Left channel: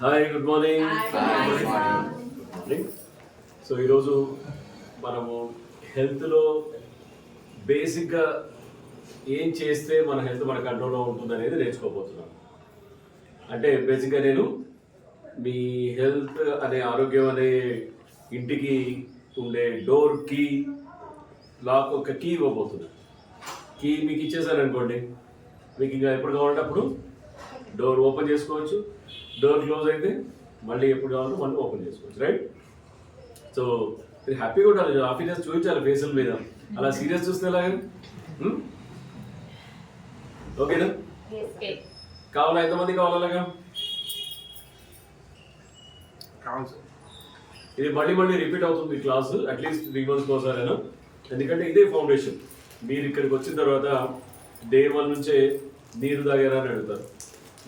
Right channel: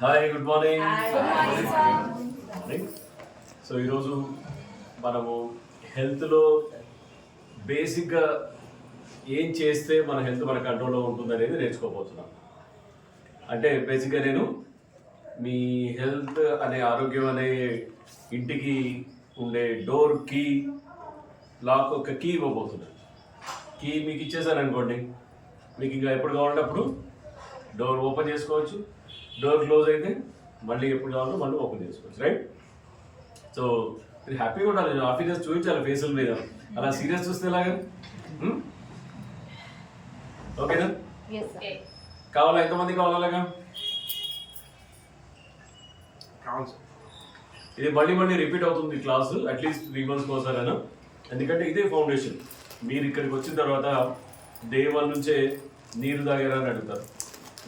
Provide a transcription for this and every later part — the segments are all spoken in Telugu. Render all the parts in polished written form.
Hi, good morning. Morning. So ఈరోజు మనము హెల్త్లో బేసిక్గా ఏం చేస్తే మన హెల్త్ మన కంట్రోల్లో ఉంటుందనేది నేర్చుకోబోతున్నాం. అంటే బేసిక్గా నేను మీ హెల్త్ అనే ఆరోగ్యం అనే ఇంటికి ఉండే డోర్ కీ లాక్ ఒక కీ ఇవ్వబోతున్నా. కీ మీకు ఇచ్చేసాను అనుకోండి, మీకు ఇంకా ఎప్పుడు కావాలంటే అప్పుడు డోర్ ఓపెన్ చేసుకోవచ్చు. డోర్ క్లోజ్ అయితే మళ్ళీ ఎప్పుడు కావాలంటే మళ్ళీ ఓపెన్ చేసుకోవచ్చు, రైట్? సో మీరు హ్యాపీగా ఉండాలి, హ్యాపీనెస్ చూపించాలి ఫేసుల మీద. అలా సీరియస్ చూస్తే ఎలాగని? ఓకేనా? కావాలా? ఎంతమంది కావాలి అలాగా? ఇది మళ్ళీ మళ్ళీ రిపీట్ అవుతుంది క్లాసు, అట్లీస్ట్ 3 months ఒకసారైనా. ఎందుకంటే ఇదే ఫౌండేషన్. మీరు ఇక్కడికి వచ్చిన తర్వాత డే 1 నుంచే నీరు తాగారా అని అడుగుతారు.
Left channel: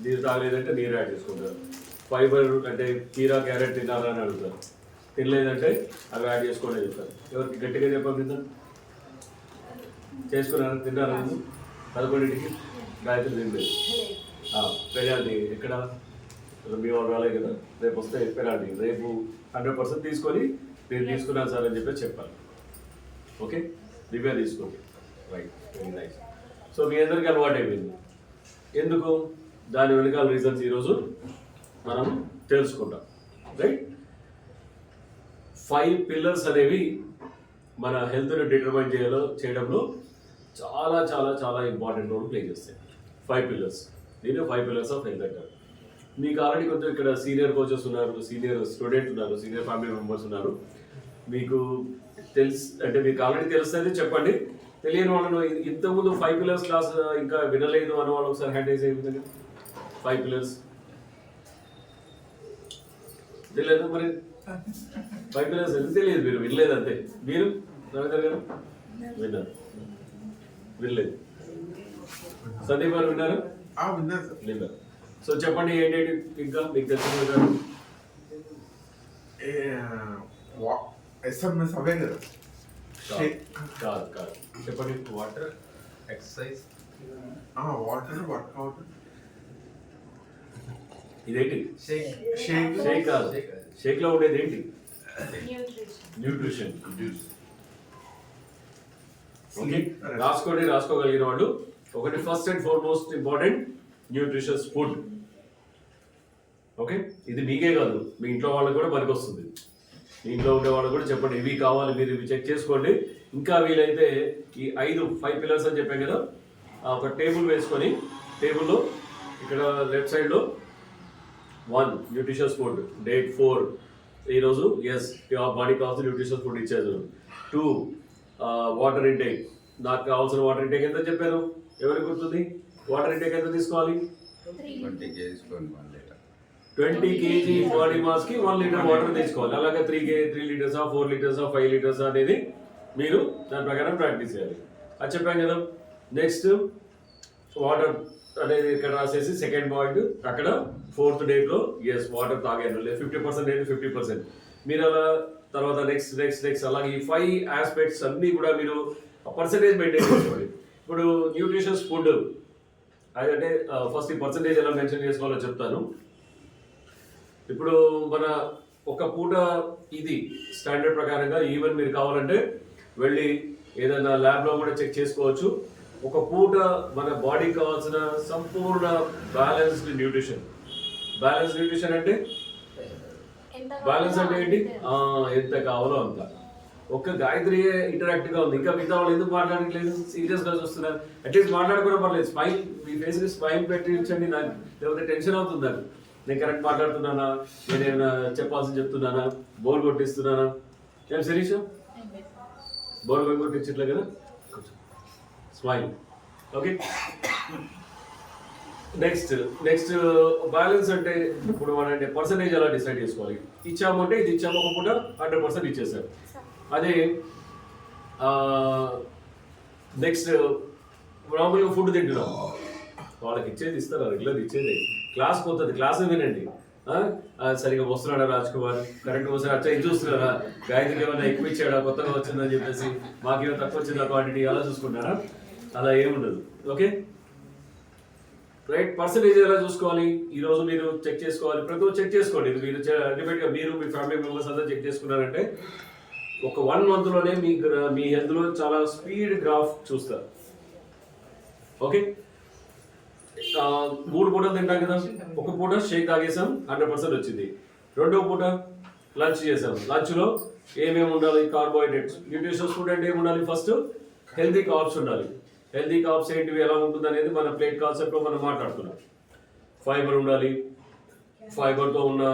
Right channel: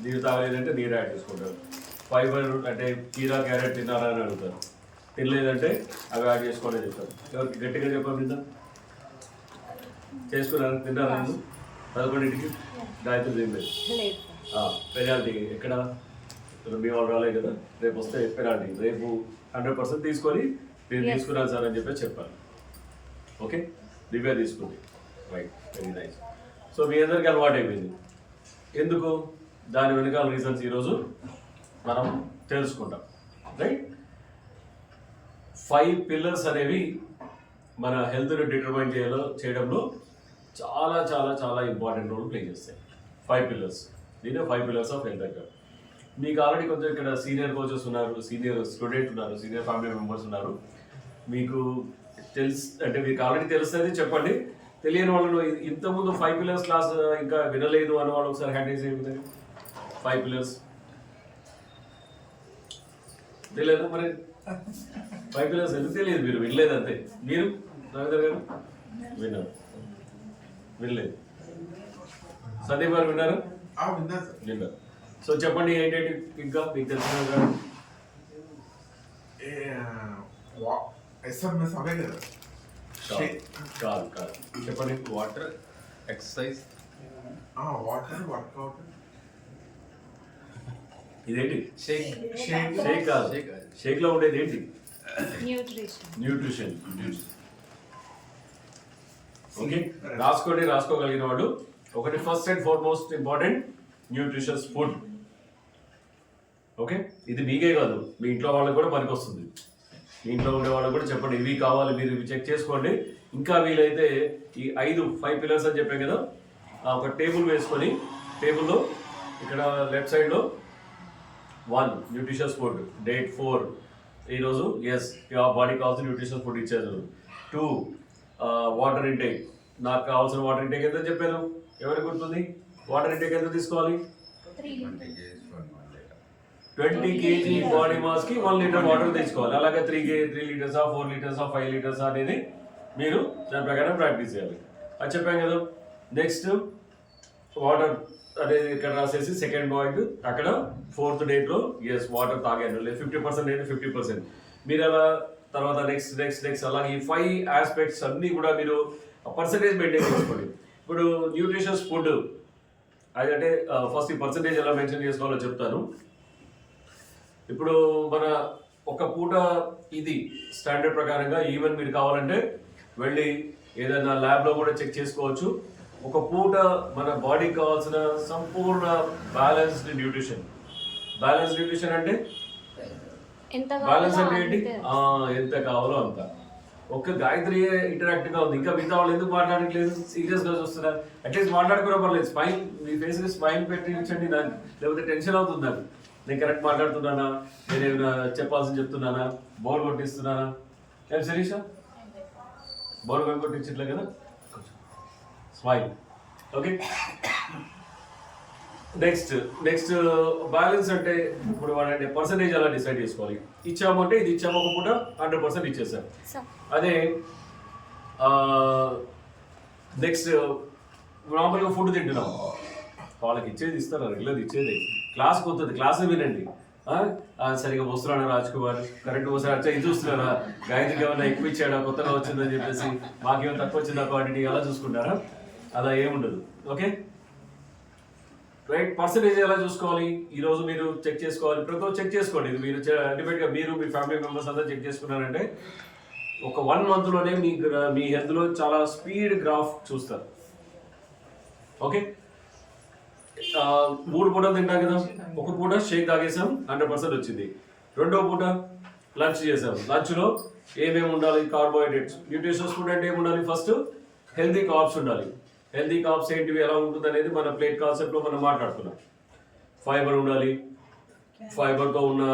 నీరు తాగలేదంటే నీరు యాడ్ చేసుకుంటారు. ఫైబర్ అంటే కీరా క్యారెట్ తిన్నారా అని అడుగుతారు. తినలేదంటే అవి యాడ్ చేసుకోండి చెప్తారు. ఎవరికి గట్టిగా చెప్పండి, తిందా చేసుకున్నారా? తిన్నారా? 11ంటికి గాయత్రి తినలేదు. పెనాల్టీ ఎక్కడ? మీ వాళ్ళు రాలేదు కదా, రేపు వస్తే పెనాల్టీ. రేపు 100% తీసుకొని నేను తీసుకున్నాను సార్ అని చెప్పేసి చెప్పాలి. ఓకే, దివ్య తీసుకుంది, రైట్, వెరీ నైస్. సో మీ అందరికీ అలవాటు అయిపోయింది. ఎందుకు? దాని వెనకాల రీజన్స్ ఈరోజు మనం తెలుసుకుంటాం, రైట్? 5 pillars అనేవి మన హెల్త్ని డిటర్మైన్ చేయడంలో చాలా చాలా చాలా ఇంపార్టెంట్ రోల్ ప్లే చేస్తాయి. 5 pillars, దీనే 5 pillars ఆఫ్ హెల్త్ అంటారు. మీకు ఆల్రెడీ కొంచెం ఇక్కడ సీనియర్ కోచెస్ ఉన్నారు, సీనియర్ స్టూడెంట్ ఉన్నారు, సీనియర్ ఫ్యామిలీ మెంబర్స్ ఉన్నారు. మీకు అంటే మీకు ఆల్రెడీ తెలుస్తుంది, చెప్పండి. తెలియని వాళ్ళు ఇంతకుముందు 5 pillars క్లాస్ ఇంకా వినలేదు అన్న వాళ్ళు ఒకసారి హ్యాండ్ రైజ్ అయ్యింది. 5 pillars తెలియదు మరి. 5 pillars ఎందుకు తెలియదు? మీరు వినలేదు అంతే. మీరు రవీంద్ర గారు విన్నారు, వినలేదు. సందీప్ గారు విన్నారు? విన్నారు. సో చెప్పండి ఏంటంటే ఇంకా మీకు తెలిసిన గారు. కాదు కాదు, చెప్పండి. Water, exercise, water, workout. ఇదేంటి? షేక్ కాదు. షేక్ లో ఉండేది ఏంటి? న్యూట్రిషన్. ఓకే, రాసుకోగలిగిన వాళ్ళు ఒకటి, first and foremost important, nutritious food. Okay, ఇది మీకే కాదు, మీ ఇంట్లో వాళ్ళకి కూడా పనికి వస్తుంది. మీ ఇంట్లో ఉండే వాళ్ళకి కూడా చెప్పండి, ఇవి కావాలి, మీరు ఇవి చెక్ చేసుకోండి. ఇంకా వీలైతే ఈ 5 pillars అని చెప్పాం కదా, ఒక టేబుల్ వేసుకొని, టేబుల్లో ఇక్కడ లెఫ్ట్ సైడ్లో 1 న్యూట్రిషియస్ ఫుడ్, డేట్ 4 ఈరోజు ఎస్ బాడీ కావాల్సిన న్యూట్రిషియస్ ఫుడ్ ఇచ్చేది. 2 వాటర్ ఇంటేక్. నాకు కావాల్సిన వాటర్ ఇంటేక్ ఎంత చెప్పాను? ఎవరికి గుర్తుంది? వాటర్ ఇంటేక్ ఎంత తీసుకోవాలి? 20 kg బాడీ మాస్కి 1 liter వాటర్ తీసుకోవాలి. అలాగే 3 liters, 4 liters, 5 liters అనేది మీరు దాని ప్రకారం ప్రాక్టీస్ చేయాలి. అది చెప్పాం కదా. నెక్స్ట్ వాటర్ అనేది ఇక్కడ రాసేసి, సెకండ్ పాయింట్ అక్కడ 4th డేట్లో ఎస్ వాటర్ తాగాను, లేదు 50% లేదు 50%. మీరు అలా తర్వాత నెక్స్ట్ అలాగే ఈ 5 aspects అన్నీ కూడా మీరు పర్సంటేజ్ మెయింటైన్ చేసుకోండి. ఇప్పుడు న్యూట్రిషియస్ ఫుడ్ అదంటే ఫస్ట్ ఈ పర్సంటేజ్ ఎలా మెన్షన్ చేసుకోవాలో చెప్తాను. ఇప్పుడు మన ఒక పూట ఇది స్టాండర్డ్ ప్రకారంగా, ఈవెన్ మీరు కావాలంటే వెళ్ళి ఏదైనా ల్యాబ్లో కూడా చెక్ చేసుకోవచ్చు. ఒక పూట మన బాడీకి కావాల్సిన సంపూర్ణ బ్యాలెన్స్డ్ న్యూట్రిషన్. బ్యాలెన్స్డ్ న్యూట్రిషన్ అంటే బ్యాలెన్స్ అంటే ఏంటి? ఎంత కావాలో అంత. ఒక్క గాయత్రియే ఇంటరాక్టివ్గా ఉంది, ఇంకా మిగతా వాళ్ళు ఎందుకు మాట్లాడట్లేదు? సీరియస్గా చూస్తున్నారు. అట్లీస్ట్ మాట్లాడుకోవడం పర్లేదు, స్మైల్, మీ ఫేస్కి స్మైల్ పెట్టి ఉంచండి. నాకు లేకపోతే టెన్షన్ అవుతుంది. నాకు నేను కరెక్ట్ మాట్లాడుతున్నానా, నేను ఏమైనా చెప్పాల్సింది చెప్తున్నానా, బోర్ కొట్టిస్తున్నానా? ఏం శిరీష, బోర్ కొట్టించట్లే కదా? స్మైల్. ఓకే, నెక్స్ట్ బ్యాలెన్స్ అంటే ఇప్పుడు మన పర్సంటేజ్ ఎలా డిసైడ్ చేసుకోవాలి? ఇచ్చామంటే ఇది ఇచ్చాము, ఒక పూట 100% ఇచ్చేసాం. అదే నెక్స్ట్ నార్మల్గా ఫుడ్ తింటున్నాం, వాళ్ళకి ఇచ్చేది ఇస్తారు, రెగ్యులర్ ఇచ్చేది. క్లాస్కి వస్తుంది, క్లాస్ వినండి. సరిగా వస్తున్నాడా రాజ్ కుమార్, కరెక్ట్ వస్తున్నాడు, అచ్చా ఇది చూస్తున్నారా, గాయత్రికి ఏమైనా ఎక్కువ ఇచ్చాడా, కొత్తగా వచ్చిందని చెప్పేసి మాకేమైనా తక్కువ వచ్చిందా క్వాంటిటీ, అలా చూసుకుంటారా? అలా ఏముండదు. Okay, right. పర్సంటేజ్ ఎలా చూసుకోవాలి, ఈ రోజు మీరు చెక్ చేసుకోవాలి, ప్రతి ఒక్కరు చెక్ చేసుకోండి. ఇది మీరు అల్టిమేట్గా మీరు మీ ఫ్యామిలీ మెంబర్స్ అంతా చెక్ చేసుకున్నారంటే ఒక 1 మంత్లోనే మీ హెల్త్లో చాలా స్పీడ్ గ్రాఫ్ చూస్తారు. ఓకే, 3 పూటలు తింటాం కదా, ఒక పూట షేక్ తాగేసాం 100% వచ్చింది. రెండో పూట లంచ్ చేసాం, లంచ్లో ఏమేమి ఉండాలి, కార్బోహైడ్రేట్స్, న్యూట్రిషన్స్ ఫుడ్ అంటే ఏమి ఉండాలి, ఫస్ట్ హెల్తీ కార్బ్స్ ఉండాలి. హెల్తీ కార్బ్స్ ఏంటివి, ఎలా ఉంటుంది అనేది మన ప్లేట్ కాన్సెప్ట్లో మనం మాట్లాడుకున్నాం. ఫైబర్ ఉండాలి, ఫైబర్తో ఉన్న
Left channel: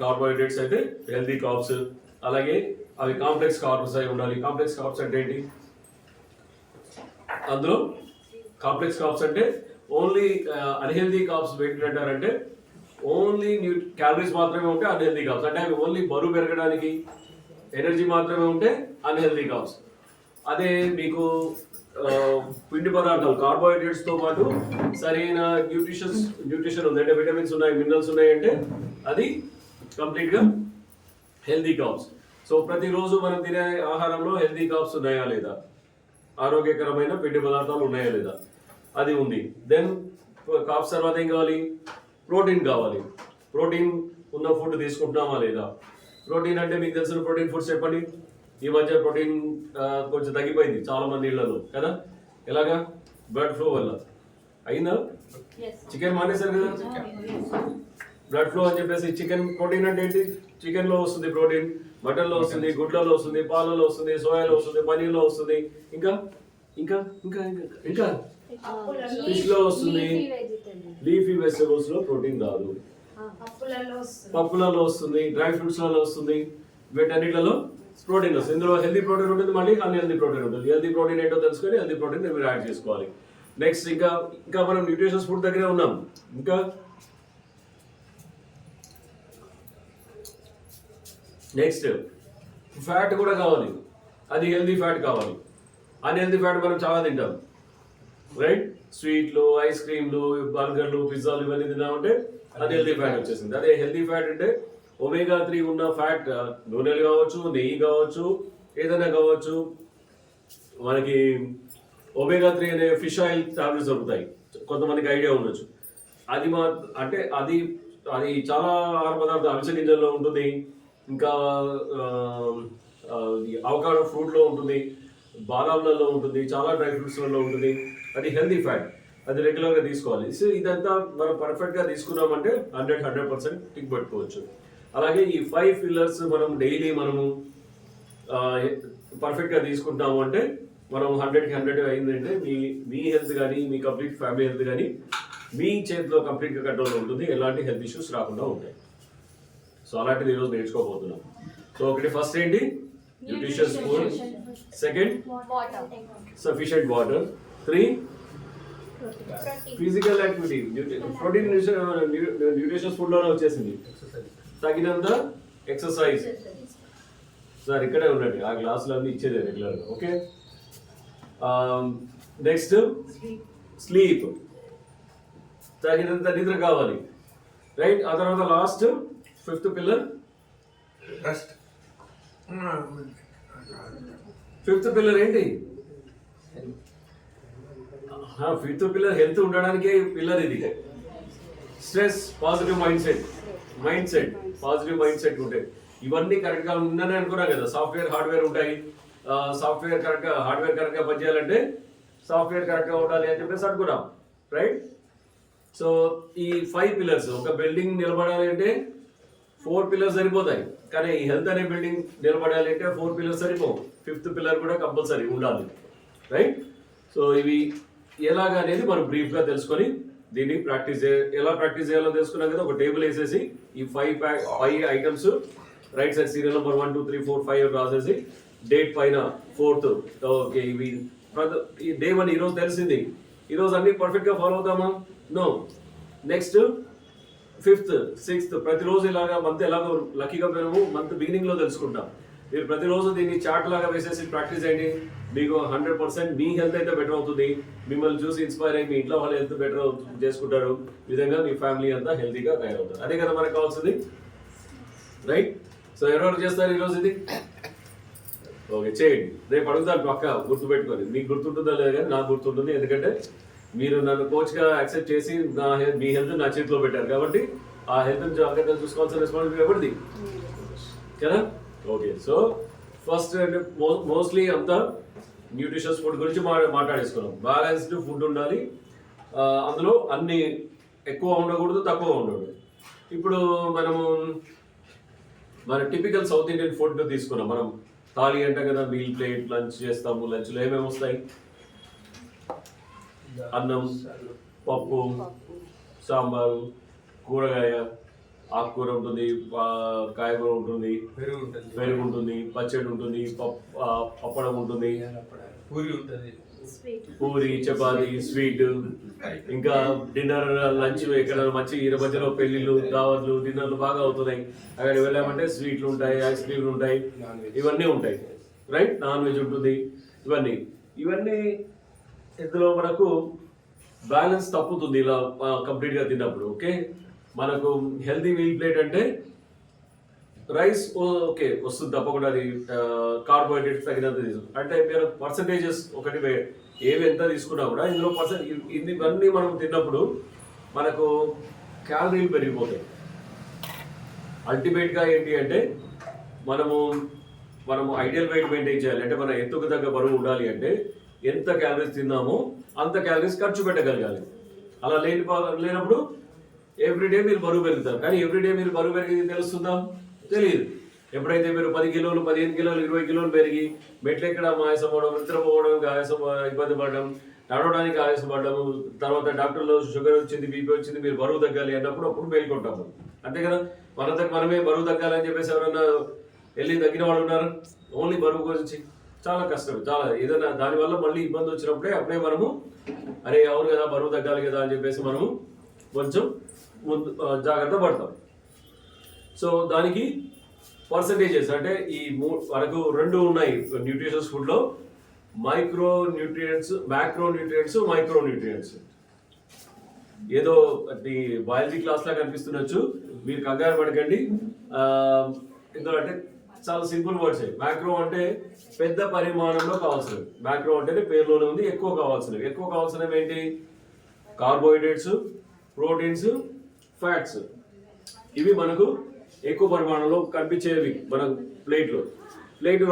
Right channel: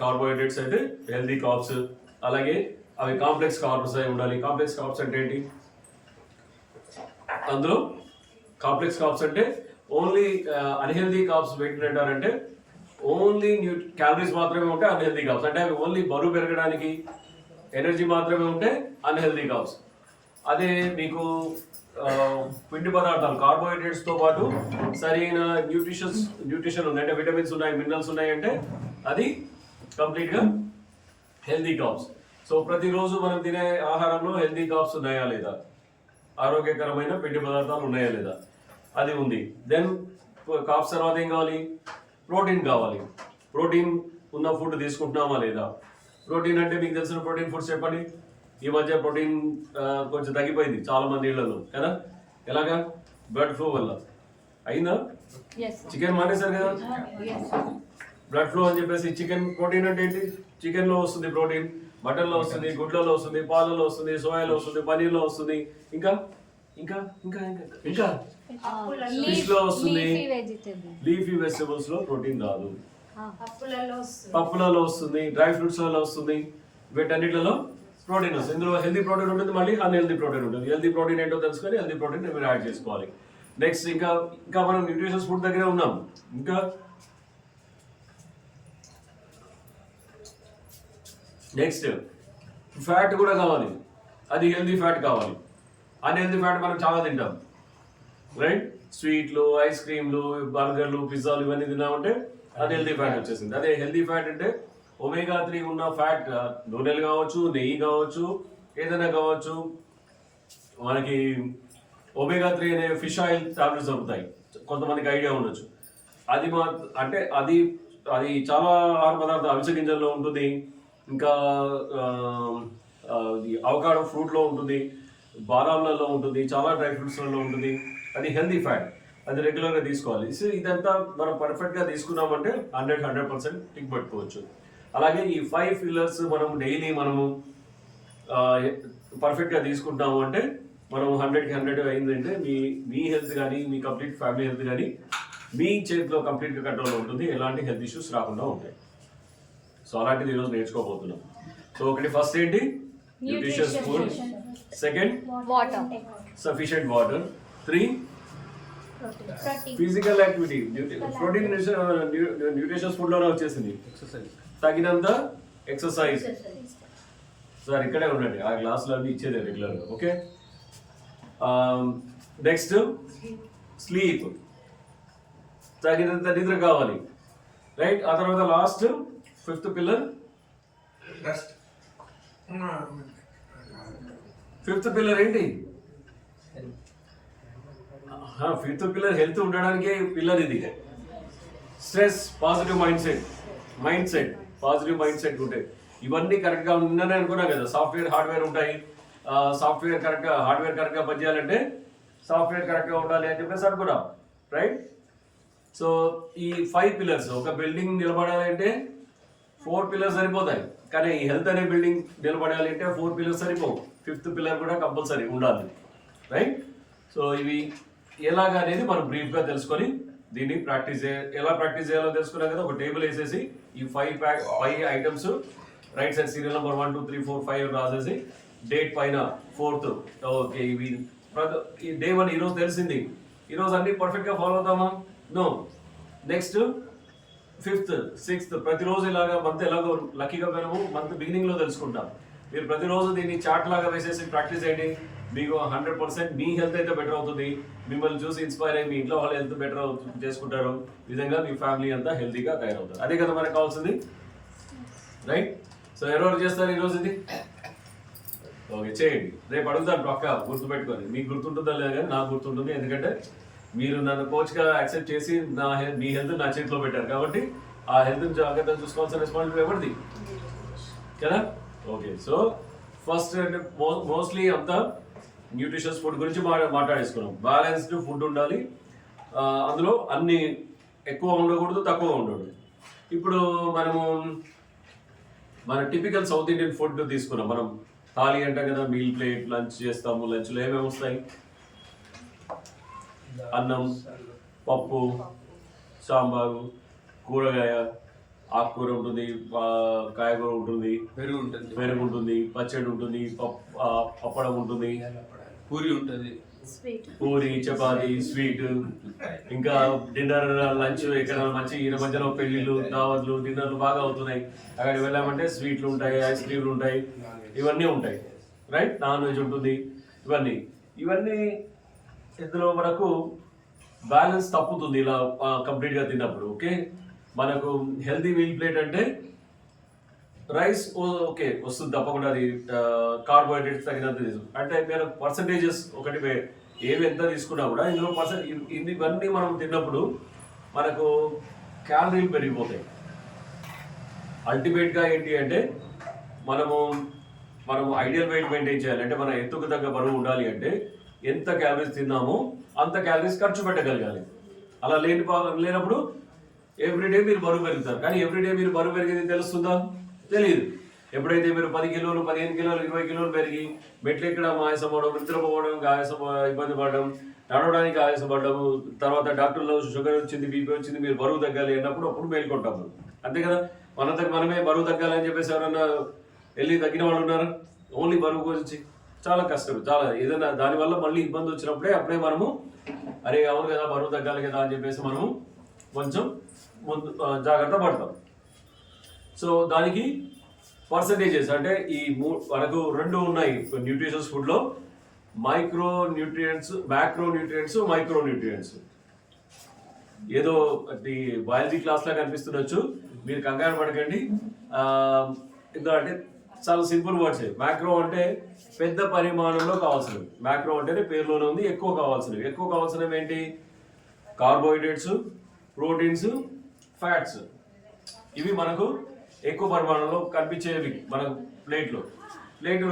కార్బోహైడ్రేట్స్ అయితే హెల్తీ కార్బ్స్. అలాగే అవి కాంప్లెక్స్ కార్బ్స్ అయి ఉండాలి. కాంప్లెక్స్ కార్బ్స్ అంటే ఏంటి, అందులో కాంప్లెక్స్ కార్బ్స్ అంటే ఓన్లీ అన్హెల్దీ కార్బ్స్ పెట్టినట్టారంటే ఓన్లీ క్యాలరీస్ మాత్రమే ఉంటే అన్హెల్దీ కార్బ్స్, అంటే అవి ఓన్లీ బరువు పెరగడానికి ఎనర్జీ మాత్రమే ఉంటే అన్హెల్దీ కార్బ్స్. అదే మీకు పిండి పదార్థాలు కార్బోహైడ్రేట్స్తో పాటు సరైన న్యూట్రిషన్ ఉంది, అంటే విటమిన్స్ ఉన్నాయి, మినరల్స్ ఉన్నాయి అంటే అది కంప్లీట్గా హెల్దీ కార్బ్స్. సో ప్రతిరోజు మనం తినే ఆహారంలో హెల్దీ కార్బ్స్ ఉన్నాయా లేదా, ఆరోగ్యకరమైన పిండి పదార్థాలు ఉన్నాయా లేదా, అది ఉంది. దెన్ కార్బ్స్ తర్వాత ఏం కావాలి, ప్రోటీన్ కావాలి. ప్రోటీన్ ఉన్న ఫుడ్ తీసుకుంటున్నామా లేదా. ప్రోటీన్ అంటే మీకు తెలిసిన ప్రోటీన్ ఫుడ్స్ చెప్పండి. ఈ మధ్య ప్రోటీన్ కొంచెం తగ్గిపోయింది చాలా మంది ఇళ్లలో కదా, ఎలాగా, బ్లడ్ ఫ్లో వల్ల అయిందా. చికెన్ మానేశారు కదా, బ్లడ్ ఫ్లో అని చెప్పేసి. చికెన్ ప్రోటీన్ అంటే ఏంటి, చికెన్లో వస్తుంది ప్రోటీన్, మటన్లో వస్తుంది, గుడ్లలో వస్తుంది, పాలలో వస్తుంది, సోయాలో వస్తుంది, పనీర్లో వస్తుంది, ఇంకా ఇంకా ఇంకా ఇంకా ఇంకా ఫిష్లో వస్తుంది. లీఫీ వెజిటబుల్స్లో ప్రోటీన్ రాదు, పప్పులలో వస్తుంది, డ్రై ఫ్రూట్స్లలో వస్తుంది, వీటన్నిటిలో ప్రోటీన్ వస్తుంది. ఇందులో హెల్దీ ప్రోటీన్ ఉంటుంది, మళ్ళీ అన్హెల్దీ ప్రోటీన్ ఉంటుంది. హెల్దీ ప్రోటీన్ ఏంటో తెలుసుకొని హెల్దీ ప్రోటీన్ మీరు యాడ్ చేసుకోవాలి. నెక్స్ట్ ఇంకా ఇంకా మనం న్యూట్రిషన్స్ ఫుడ్ దగ్గరే ఉన్నాం. ఇంకా నెక్స్ట్ ఫ్యాట్ కూడా కావాలి, అది హెల్దీ ఫ్యాట్ కావాలి. అన్హెల్దీ ఫ్యాట్ మనం చాలా తింటాం, రైట్. స్వీట్లు, ఐస్ క్రీమ్లు, బర్గర్లు, పిజ్జాలు ఇవన్నీ తిన్నామంటే అన్హెల్దీ ఫ్యాట్ వచ్చేసింది. అదే హెల్దీ ఫ్యాట్ అంటే ఒమేగా 3 ఉన్న ఫ్యాట్, నూనెలు కావచ్చు, నెయ్యి కావచ్చు, ఏదైనా కావచ్చు. మనకి ఒమేగా 3 అనే ఫిష్ ఆయిల్ టాబ్లెట్స్ దొరుకుతాయి, కొంతమందికి ఐడియా ఉండొచ్చు. అది అంటే అది అది చాలా ఆహార పదార్థం, అవిసె గింజల్లో ఉంటుంది, ఇంకా అవకాడో ఫ్రూట్లో ఉంటుంది, బాదాంలలో ఉంటుంది, చాలా డ్రై ఫ్రూట్స్లలో ఉంటుంది. అది హెల్దీ ఫ్యాట్, అది రెగ్యులర్గా తీసుకోవాలి. సో ఇదంతా మనం పర్ఫెక్ట్గా తీసుకున్నామంటే 100% టిక్ పట్టుకోవచ్చు. అలాగే ఈ 5 పిల్లర్స్ మనం డైలీ మనము పర్ఫెక్ట్గా తీసుకుంటాము అంటే మనం 100కి 100 అయిందంటే మీ హెల్త్ కానీ మీ కంప్లీట్ ఫ్యామిలీ హెల్త్ కానీ మీ చేతిలో కంప్లీట్గా కంట్రోల్లో ఉంటుంది, ఎలాంటి హెల్త్ ఇష్యూస్ రాకుండా ఉంటాయి. సో అలాంటిది ఈరోజు నేర్చుకోబోతున్నాం. సో ఒకటి ఫస్ట్ ఏంటి, nutritious food. Second, sufficient water. 3, physical activity. Protein nutritious ఫుడ్లోనే వచ్చేసింది, తగినంత ఎక్సర్సైజ్. సార్ ఇక్కడే ఉండండి, ఆ గ్లాసులో అన్ని ఇచ్చేదే రెగ్యులర్గా. ఓకే, నెక్స్ట్ స్లీప్, తగినంత నిద్ర కావాలి, రైట్. ఆ తర్వాత last 5th pillar rest. 5th pillar ఏంటి, 5th పిల్లర్ హెల్త్ ఉండడానికే పిల్లర్ ఇది. Stress, positive mind set positive mind set ఉంటాయి. ఇవన్నీ కరెక్ట్గా ఉందని అనుకున్నాం కదా. సాఫ్ట్వేర్ హార్డ్వేర్ ఉంటాయి, హార్డ్వేర్ కరెక్ట్గా పనిచేయాలంటే సాఫ్ట్వేర్ కరెక్ట్గా ఉండాలి అని చెప్పేసి అనుకున్నాం, రైట్. సో ఈ 5 పిల్లర్స్, ఒక బిల్డింగ్ నిలబడాలి అంటే 4 పిల్లర్స్ సరిపోతాయి, కానీ ఈ హెల్త్ అనే బిల్డింగ్ నిలబడాలి అంటే 4 పిల్లర్స్ సరిపోవు. 5th పిల్లర్ కూడా కంపల్సరీ ఉండాలి, రైట్. సో ఇవి ఎలాగా అనేది మనం బ్రీఫ్గా తెలుసుకొని దీన్ని ఎలా ప్రాక్టీస్ చేయాలో తెలుసుకున్నాం కదా. ఒక టేబుల్ వేసేసి ఈ 5 items right side serial number 1 2 3 4 5 రాసేసి డేట్ పైన 4th. ఓకే, ఇవి డే 1 ఈరోజు తెలిసింది. ఈరోజు అన్ని పర్ఫెక్ట్గా follow అవుతామా? No. Next 5th 6th ప్రతిరోజు ఇలాగా మంత్ ఎలాగో లక్కీగా మేము మంత్ బిగినింగ్లో తెలుసుకుంటాం. మీరు ప్రతిరోజు దీన్ని చార్ట్ లాగా వేసేసి ప్రాక్టీస్ చేయండి. మీకు 100% మీ హెల్త్ అయితే బెటర్ అవుతుంది. మిమ్మల్ని చూసి ఇన్స్పైర్ అయ్యి మీ ఇంట్లో వాళ్ళ హెల్త్ బెటర్ చేసుకుంటారు. ఈ విధంగా మీ ఫ్యామిలీ అంతా హెల్తీగా తయారవుతారు. అదే కదా మనకు కావాల్సింది, రైట్. సో ఎవరెవరు చేస్తారు ఈరోజు ఇది? ఓకే, చేయండి. రేపు అడుగుతాను పక్క గుర్తుపెట్టుకొని. మీకు గుర్తుంటుందా లేదా కానీ నాకు గుర్తుంటుంది, ఎందుకంటే మీరు నన్ను కోచ్గా యాక్సెప్ట్ చేసి మీ హెల్త్ నా చేతిలో పెట్టారు కాబట్టి ఆ హెల్త్ జాగ్రత్తగా చూసుకోవాల్సిన రెస్పాన్సిబిలిటీ ఎవరిది కదా. ఓకే, సో ఫస్ట్ అంటే మోస్ట్లీ అంతా న్యూట్రిషియస్ ఫుడ్ గురించి మాట్లాడేసుకున్నాం. బ్యాలెన్స్డ్ ఫుడ్ ఉండాలి, అందులో అన్ని ఎక్కువ ఉండకూడదు, తక్కువ ఉండకూడదు. ఇప్పుడు మనము మన టిపికల్ సౌత్ ఇండియన్ ఫుడ్ తీసుకున్నాం. మనం థాలీ అంటాం కదా, మీల్ ప్లేట్, లంచ్ చేస్తాము. లంచ్లో ఏమేమి వస్తాయి? అన్నం, పప్పు, సాంబారు, కూరగాయ, ఆకుకూర ఉంటుంది, కాయగూర ఉంటుంది, పెరుగు ఉంటుంది, పచ్చడి ఉంటుంది, పప్పడం ఉంటుంది, పూరి ఉంటుంది, పూరి, చపాతి, స్వీట్, ఇంకా డిన్నర్, లంచ్. ఎక్కడ మంచి ఈ మధ్యలో పెళ్లిళ్ళు, దావత్లు, డిన్నర్లు బాగా అవుతున్నాయి. అక్కడికి వెళ్ళామంటే స్వీట్లు ఉంటాయి, ఐస్ క్రీమ్లు ఉంటాయి, ఇవన్నీ ఉంటాయి, రైట్. నాన్ వెజ్ ఉంటుంది, ఇవన్నీ ఇందులో మనకు బ్యాలెన్స్ తప్పుతుంది ఇలా కంప్లీట్గా తిన్నప్పుడు. ఓకే, మనకు హెల్తీ మీల్ ప్లేట్ అంటే రైస్ ఓకే వస్తుంది తప్పకుండా, అది కార్బోహైడ్రేట్స్ తగినంత తీసుకుంటాం. అంటే మీరు పర్సంటేజెస్ ఒకటి ఏవి ఎంత తీసుకున్నా కూడా ఇందులో ఇవన్నీ మనం తిన్నప్పుడు మనకు క్యాలరీలు పెరిగిపోతాయి. అల్టిమేట్గా ఏంటి అంటే మనము ఐడియల్ వెయిట్ మెయింటైన్ చేయాలి అంటే మన ఎత్తుకు తగ్గ బరువు ఉండాలి అంటే ఎంత క్యాలరీస్ తిన్నామో అంత క్యాలరీస్ ఖర్చు పెట్టగలగాలి. అలా లేనప్పుడు ఎవ్రీడే మీరు బరువు పెరుగుతారు. కానీ ఎవ్రీడే మీరు బరువు పెరిగేది తెలుస్తుందా? తెలియదు. ఎప్పుడైతే మీరు 10 కిలోలు, 15 కిలోలు, 20 కిలోలు పెరిగి మెట్లు ఎక్కడం ఆయాసం అవ్వడం, నిద్రపోవడం ఇబ్బంది పడడం, నడవడానికి ఆయాసం పడడం, తర్వాత డాక్టర్లో షుగర్ వచ్చింది, బీపీ వచ్చింది, మీరు బరువు తగ్గాలి అన్నప్పుడు అప్పుడు మేల్కొంటాము. అంతే కదా. మనమే బరువు తగ్గాలని చెప్పేసి ఎవరైనా వెళ్ళి తగ్గిన వాళ్ళు ఉన్నారు? ఓన్లీ బరువు గురించి చాలా కష్టం. చాలా ఏదైనా దానివల్ల మళ్ళీ ఇబ్బంది వచ్చినప్పుడే మనము అరే అవును కదా బరువు తగ్గాలి కదా అని చెప్పేసి మనము కొంచెం ముందు జాగ్రత్త పడతాం. సో దానికి పర్సంటేజెస్ అంటే మనకు 2 ఉన్నాయి న్యూట్రిషన్స్ ఫుడ్లో, micro nutrients, macro nutrients, micro nutrients. ఏదో బయాలజీ క్లాస్లా కనిపిస్తుండొచ్చు, మీరు కంగారు పడకండి. ఎందుకంటే చాలా సింపుల్ వర్డ్స్. మ్యాక్రో అంటే పెద్ద పరిమాణంలో కావాల్సినవి. మ్యాక్రో అంటే పేరులోనే ఉంది, ఎక్కువ కావాల్సినవి ఏంటి? Carbohydrates, proteins, fats. ఇవి మనకు ఎక్కువ పరిమాణంలో కనిపించేవి మన ప్లేట్,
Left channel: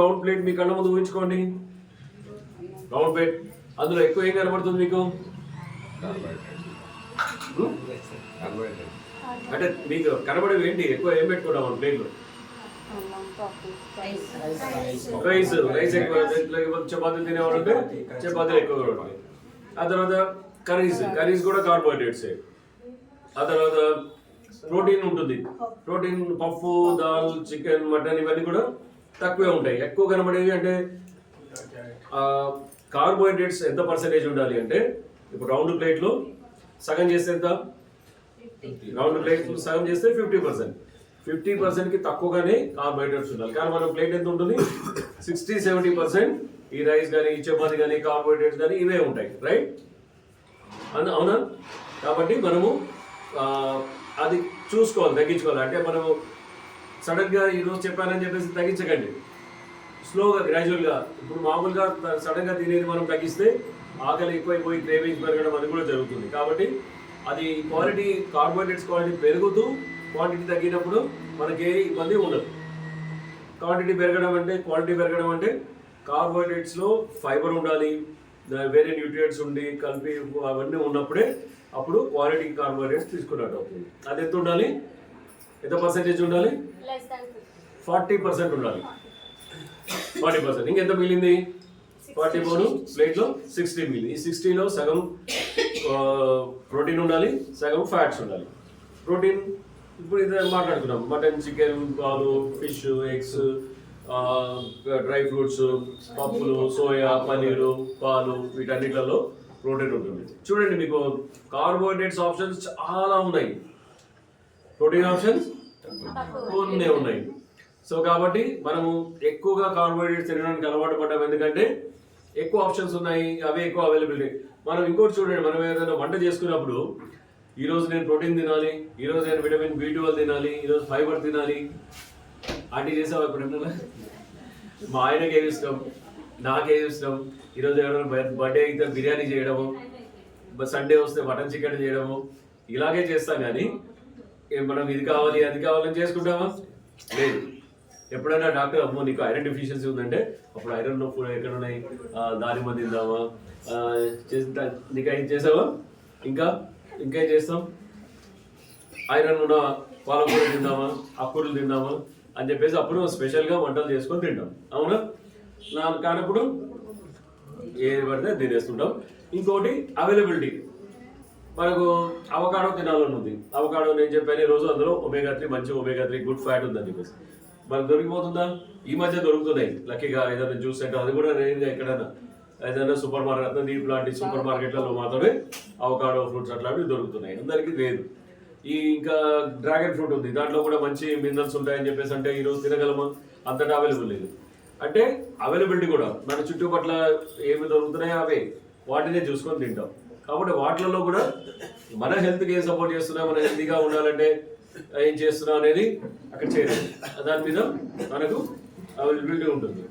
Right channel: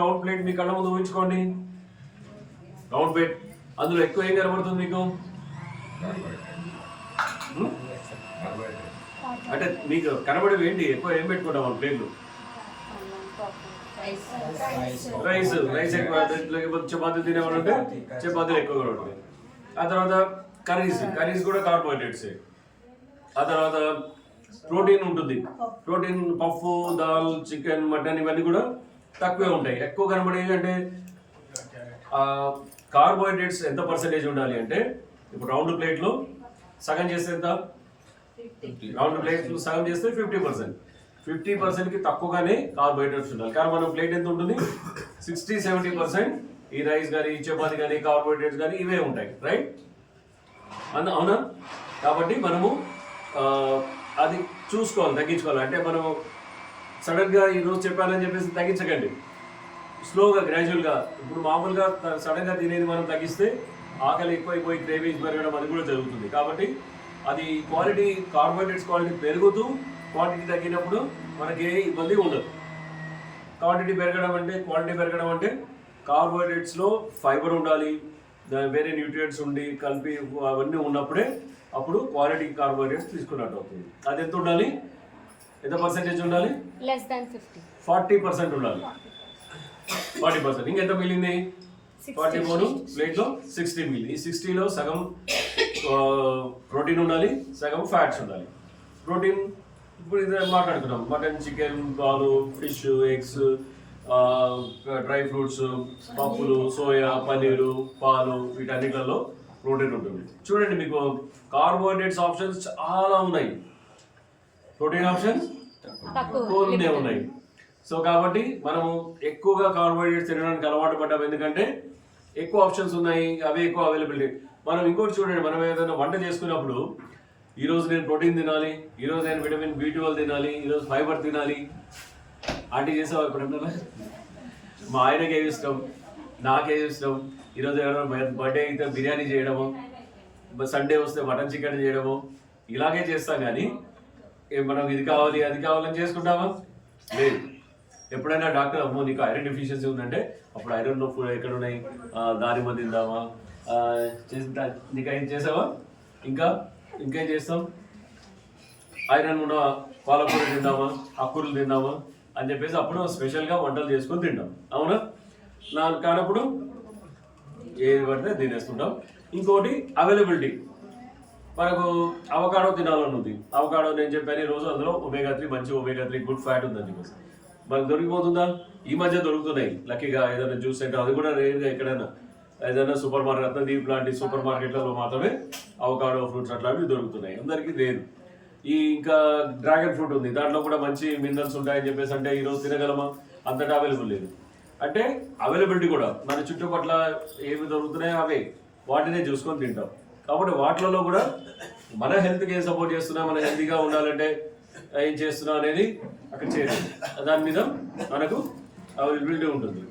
రౌండ్ ప్లేట్ మీ కళ్ళ ముందు ఊహించుకోండి. రౌండ్ ప్లేట్, అందులో ఎక్కువ ఏం కనబడుతుంది మీకు? అంటే మీకు కనబడేవి ఏంటి? ఎక్కువ ఏం పెట్టుకుంటాం మన ప్లేట్లో? రైస్ ఎక్కువ, లేకపోతే చపాతీలు తినేవాళ్ళు ఉంటే చపాతీలు ఎక్కువగా ఉంటాయి. ఆ తర్వాత కర్రీస్ కూడా కార్బోహైడ్రేట్సే. ఆ తర్వాత ప్రోటీన్ ఉంటుంది. ప్రోటీన్ పప్పు, దాల్, చికెన్, మటన్ ఇవన్నీ కూడా తక్కువే ఉంటాయి. ఎక్కువ కనబడేవి అంటే కార్బోహైడ్రేట్స్ ఎంత పర్సెంటేజ్ ఉండాలి అంటే ఇప్పుడు రౌండ్ ప్లేట్లో సగం చేస్తే ఎంత? రౌండ్ ప్లేట్లో సగం చేస్తే 50%. 50%కి తక్కువగానే కార్బోహైడ్రేట్స్ ఉండాలి. కానీ మన ప్లేట్ ఎంత ఉంటుంది? 60-70% ఈ రైస్ కానీ, చపాతి కానీ, కార్బోహైడ్రేట్స్ కానీ ఇవే ఉంటాయి, రైట్? అవునా? కాబట్టి మనము అది చూసుకోవాలి, తగ్గించుకోవాలి. అంటే మనము సడన్గా ఈరోజు చెప్పానని చెప్పేసి తగ్గించకండి. స్లోగా, గ్రాడ్యువల్గా. ఇప్పుడు మామూలుగా సడన్గా తినేది మనం తగ్గిస్తే ఆకలి ఎక్కువైపోయి క్రేవింగ్స్ పెరగడం అది కూడా జరుగుతుంది. కాబట్టి అది క్వాలిటీ, కార్బోహైడ్రేట్స్ క్వాలిటీ పెరుగుతూ క్వాంటిటీ తగ్గినప్పుడు మనకి ఏ ఇబ్బంది ఉండదు. క్వాంటిటీ పెరగడం అంటే కార్బోహైడ్రేట్స్లో ఫైబర్ ఉండాలి, వేరే న్యూట్రియంట్స్ ఉండి కలిపి అవన్నీ ఉన్నప్పుడే అప్పుడు క్వాలిటీ కార్బోహైడ్రేట్స్ తీసుకున్నట్టు అవుతుంది. అది ఎంత ఉండాలి? ఎంత పర్సెంటేజ్ ఉండాలి? 40% ఉండాలి. 40%. ఇంకెంత మిగిలింది? 40 ప్లేట్లో 60 మిగిలింది. ఈ 60లో సగం ప్రోటీన్ ఉండాలి, సగం ఫ్యాట్స్ ఉండాలి. ప్రోటీన్ ఇప్పుడు ఇది మాట్లాడుకున్నాం. మటన్, చికెన్, పాలు, ఫిష్, ఎగ్స్, డ్రై ఫ్రూట్స్, పప్పులు, సోయా, పన్నీరు, పాలు, వీటన్నిటిలో ప్రోటీన్ ఉంటుంది. చూడండి, మీకు కార్బోహైడ్రేట్స్ ఆప్షన్స్ చాలా ఉన్నాయి, ప్రోటీన్ ఆప్షన్స్ కొన్ని ఉన్నాయి. సో కాబట్టి మనము ఎక్కువగా కార్బోహైడ్రేట్స్ తినడానికి అలవాటు పడ్డాం, ఎందుకంటే ఎక్కువ ఆప్షన్స్ ఉన్నాయి, అవే ఎక్కువ అవైలబిలిటీ. మనం ఇంకోటి చూడండి, మనం ఏదైనా వంట చేసుకున్నప్పుడు ఈరోజు నేను ప్రోటీన్ తినాలి, ఈరోజు నేను విటమిన్ B12 తినాలి, ఈరోజు ఫైబర్ తినాలి. ఆంటీ చేసావా ఎప్పుడన్నా? మా ఆయనకి ఏమి ఇష్టం, నాకేమి ఇష్టం, ఈరోజు ఎవరైనా బర్త్డే అయితే బిర్యానీ చేయడము, సండే వస్తే మటన్ చికెన్ చేయడము ఇలాగే చేస్తాం కానీ మనం ఇది కావాలి అది కావాలని చేసుకుంటామా? లేదు. ఎప్పుడైనా డాక్టర్ అమ్మో నీకు ఐరన్ డెఫిషియన్సీ ఉందంటే అప్పుడు ఐరన్ నొప్పులు ఎక్కడ ఉన్నాయి, దానిమ్మ తిందామా, నీకు ఏం చేసావా, ఇంకేం చేస్తాం, ఐరన్ ఉన్న పాలకూర తిందామా, ఆకుకూరలు తిందామా అని చెప్పేసి అప్పుడు స్పెషల్గా వంటలు చేసుకొని తింటాం. అవునా? కానప్పుడు ఏది పడితే తినేస్తుంటాం. ఇంకోటి అవైలబిలిటీ. మనకు అవకాడో తినాలని ఉంది. అవకాడో నేను చెప్పాను ఈరోజు అందులో ఒమేగా-3 మంచి ఒమేగా-3 గుడ్ ఫ్యాట్ ఉందని చెప్పేసి మనకు దొరికిపోతుందా? ఈ మధ్య దొరుకుతున్నాయి లక్కీగా. ఏదైనా జ్యూస్ సెంటర్ అది కూడా రేర్గా ఎక్కడైనా ఏదైనా సూపర్ మార్కెట్ రత్నదీప్ లాంటి సూపర్ మార్కెట్లలో మాత్రమే అవకాడో ఫ్రూట్స్ అట్లాంటివి దొరుకుతున్నాయి, అందరికీ లేదు. ఇంకా డ్రాగన్ ఫ్రూట్ ఉంది, దాంట్లో కూడా మంచి మినరల్స్ ఉంటాయని చెప్పేసి అంటే ఈరోజు తినగలమా? అంతటా అవైలబుల్ లేదు. అంటే అవైలబిలిటీ కూడా మన చుట్టుపట్ల ఏమి దొరుకుతున్నాయో అవే వాటినే చూసుకొని తింటాం. కాబట్టి వాటిలలో కూడా మన హెల్త్కి ఏం సపోర్ట్ చేస్తున్నా, మన హెల్తీగా ఉండాలంటే ఏం చేస్తున్నా అనేది అక్కడ చేరేది. దాని మీద మనకు అవైలబిలిటీ ఉంటుంది,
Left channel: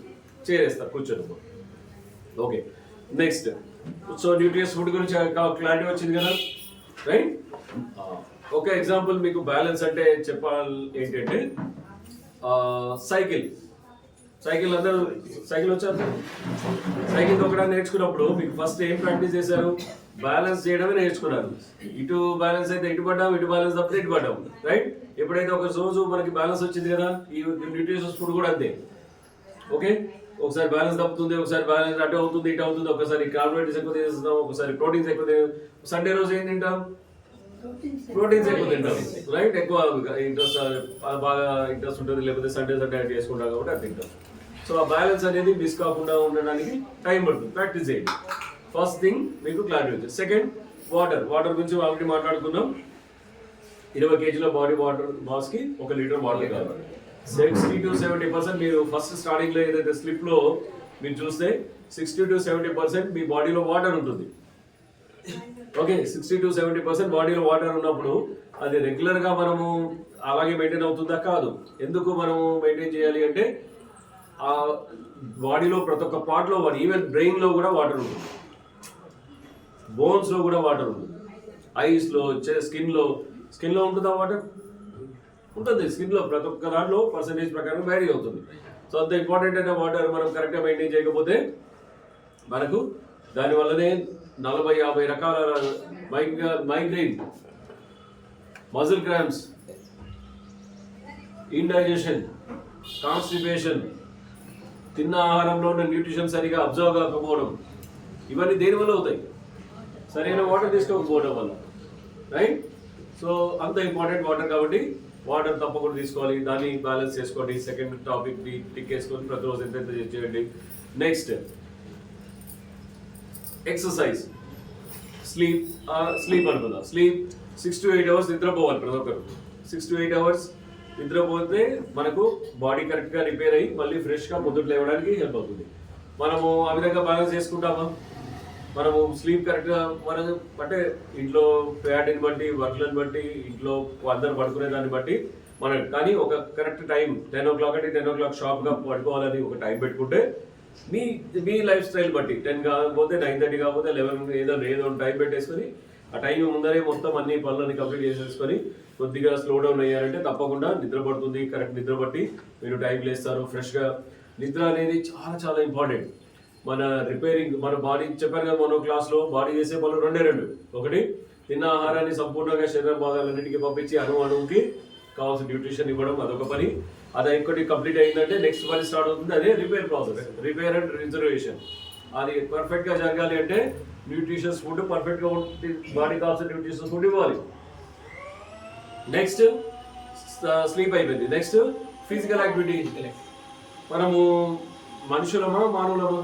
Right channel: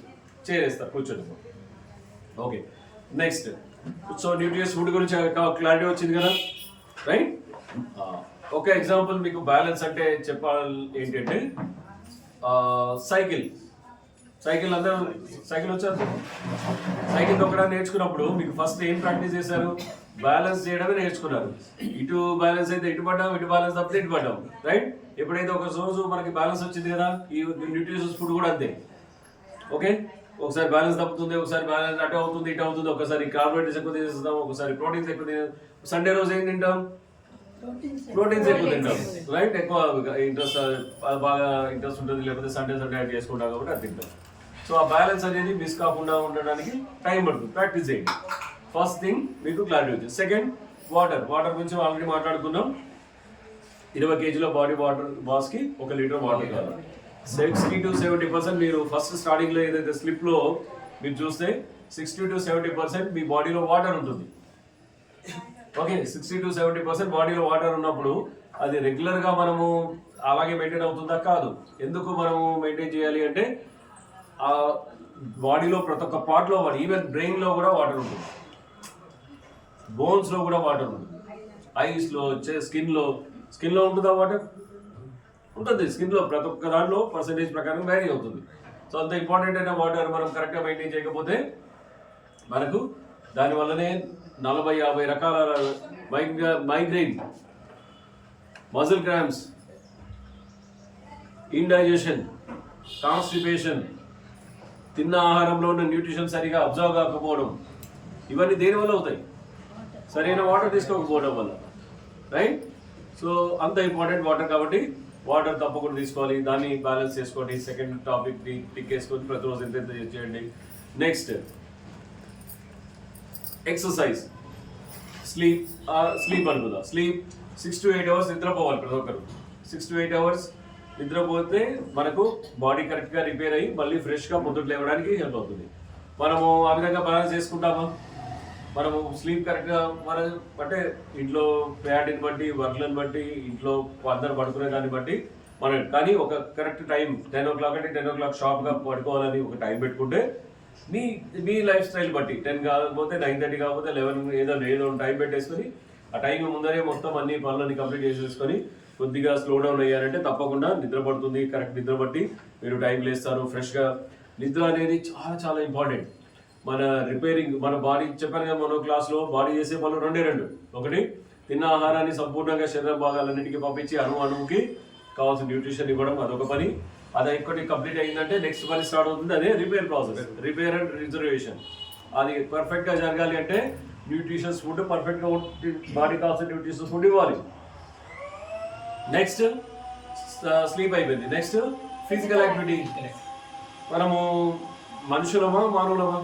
చేరేస్తారు కూర్చొని. Okay, next. సో న్యూట్రియస్ ఫుడ్ గురించి క్లారిటీ వచ్చింది కదా, రైట్? ఒక ఎగ్జాంపుల్ మీకు బ్యాలెన్స్ అంటే చెప్పాలి ఏంటంటే సైకిల్ అందరూ సైకిల్ వచ్చారు. సైకిల్ తొక్కడానికి నేర్చుకున్నప్పుడు మీకు ఫస్ట్ ఏం ప్రాక్టీస్ చేశారు? బ్యాలెన్స్ చేయడమే నేర్చుకున్నారు. ఇటు బ్యాలెన్స్ అయితే ఇటు పడ్డాం, ఇటు బ్యాలెన్స్ తప్పితే ఇటు పడ్డాం, రైట్? ఎప్పుడైతే ఒక రోజు మనకి బ్యాలెన్స్ వచ్చింది కదా, ఈ న్యూట్రిషియస్ ఫుడ్ కూడా అంతే. ఓకే, ఒకసారి బ్యాలెన్స్ తప్పుతుంది, ఒకసారి బ్యాలెన్స్ అటు అవుతుంది, ఇటు అవుతుంది, ఒకసారి కార్బోహైడ్రేట్స్ ఎక్కువ తినేస్తాం, ఒకసారి ప్రోటీన్స్ ఎక్కువ తినేస్తాం. సండే రోజు ఏం తింటాం? ప్రోటీన్స్ ఎక్కువ తింటాం, రైట్? ఎక్కువ ఇంట్రెస్ట్, బాగా ఇంట్రెస్ట్ ఉంటుంది, లేకపోతే సండే యాడ్ చేసుకుంటాం కాబట్టి అది తింటాం. సో ఆ బ్యాలెన్స్ అనేది మిస్ కాకుండా ఉండడానికి టైం పడుతుంది, ప్రాక్టీస్ చేయండి. ఫస్ట్ థింగ్ మీకు క్లారిటీ వచ్చింది. సెకండ్, వాటర్ గురించి ఆల్రెడీ మాట్లాడుకున్నాం. 20 kg బాడీ వాటర్ మాస్కి 1 లీటర్ వాటర్ కావాలి. 60 to 70% మీరు ఫస్ట్ స్టార్టింగ్లో ఏదైతే స్లిప్లో మీరు చూస్తే 60 to 70% మీ బాడీలో వాటర్ ఉంటుంది. ఓకే, 60 to 70% బాడీలో వాటర్ ఉన్నప్పుడు అది రెగ్యులర్గా మనము అలాగే మెయింటైన్ అవుతుందా? కాదు. ఎందుకు మనము మెయింటైన్ చేయాలి అంటే ఆ బాడీలో ప్రతి ఒక్క పార్ట్లో ఈవెన్ బ్రెయిన్లో కూడా వాటర్ ఉంటుంది, బోన్స్లో కూడా వాటర్ ఉంటుంది, ఐస్లో, స్కిన్లో ఉంటుందా వాటర్? ఉంటుంది. స్కిన్లో ప్రతి ఒక్క దాంట్లో పర్సంటేజ్ ప్రకారం వ్యారీ అవుతుంది. సో అంత ఇంపార్టెంట్ అయిన వాటర్ మనం కరెక్ట్గా మెయింటైన్ చేయకపోతే మనకు దానివల్లనే 40-50 రకాల migraine, muscle cramps, indigestion, constipation, తిన్న ఆహారంలో ఉన్న న్యూట్రిషన్ సరిగా అబ్జర్వ్ కాకపోవడం, ఇవన్నీ దేనివల్ల అవుతాయి? సరైన వాటర్ తీసుకోకపోవడం వల్ల, రైట్? సో అంత ఇంపార్టెంట్ వాటర్ కాబట్టి వాటర్ తప్పకుండా తీసుకోవాలి. దాన్ని బ్యాలెన్స్ చేసుకోండి. సెకండ్ టాపిక్ని టిక్ వేసుకొని ప్రతిరోజు ఎంత చేయండి. Next, exercise. స్లీప్ అనుకుందాం. స్లీప్ 6 to 8 hours నిద్రపోవాలి ప్రతి ఒక్కరు. 6 to 8 hours నిద్రపోతే మనకు బాడీ కరెక్ట్గా రిపేర్ అయ్యి మళ్ళీ ఫ్రెష్గా పొద్దుట లేవడానికి హెల్ప్ అవుతుంది. మనము ఆ విధంగా బ్యాలెన్స్ చేసుకుంటామా? మనము స్లీప్ కరెక్ట్గా మనం అంటే ఇంట్లో ప్యాడ్ని బట్టి, వర్క్లను బట్టి, ఇంట్లో అందరు పడుకునే దాన్ని బట్టి మనం, కానీ ఒక కరెక్ట్ టైం 10 o'clock అంటే 10 o'clock షార్ప్గా పడుకోవాలని ఒక టైం పెట్టుకుంటే మీ లైఫ్ స్టైల్ బట్టి 10 కాకపోతే 9:30 కాకపోతే 11 ఏదో టైం పెట్టేసుకొని ఆ టైం ముందరే మొత్తం అన్ని పనులని కంప్లీట్ చేసేసుకొని కొద్దిగా స్లో డౌన్ అయ్యారంటే తప్పకుండా నిద్ర పడుతుంది. కరెక్ట్ నిద్ర బట్టి మీరు టైం లేస్తారు ఫ్రెష్గా. నిద్ర అనేది చాలా చాలా ఇంపార్టెంట్. మన రిపేరింగ్, మన బాడీ చెప్పాను కదా మనో క్లాస్లో, బాడీ చేసే పనులు రెండు. ఒకటి, తిన్న ఆహారాన్ని సంపూర్ణంగా శరీర భాగాలన్నింటికి పంపించి అణువుకి కావాల్సిన న్యూట్రిషన్ ఇవ్వడం, అదొక పని. అది ఒక్కటి కంప్లీట్ అయిందంటే నెక్స్ట్ పని స్టార్ట్ అవుతుంది, అదే repair process, repair and reservation. అది పర్ఫెక్ట్గా జరగాలి అంటే న్యూట్రిషన్స్ ఫుడ్ పర్ఫెక్ట్గా బాడీ కావాల్సిన న్యూట్రిషన్స్ ఫుడ్ ఇవ్వాలి. నెక్స్ట్ స్లీప్ అయిపోయింది. Next physical activity. మనము మనుషులమా మానవులమా?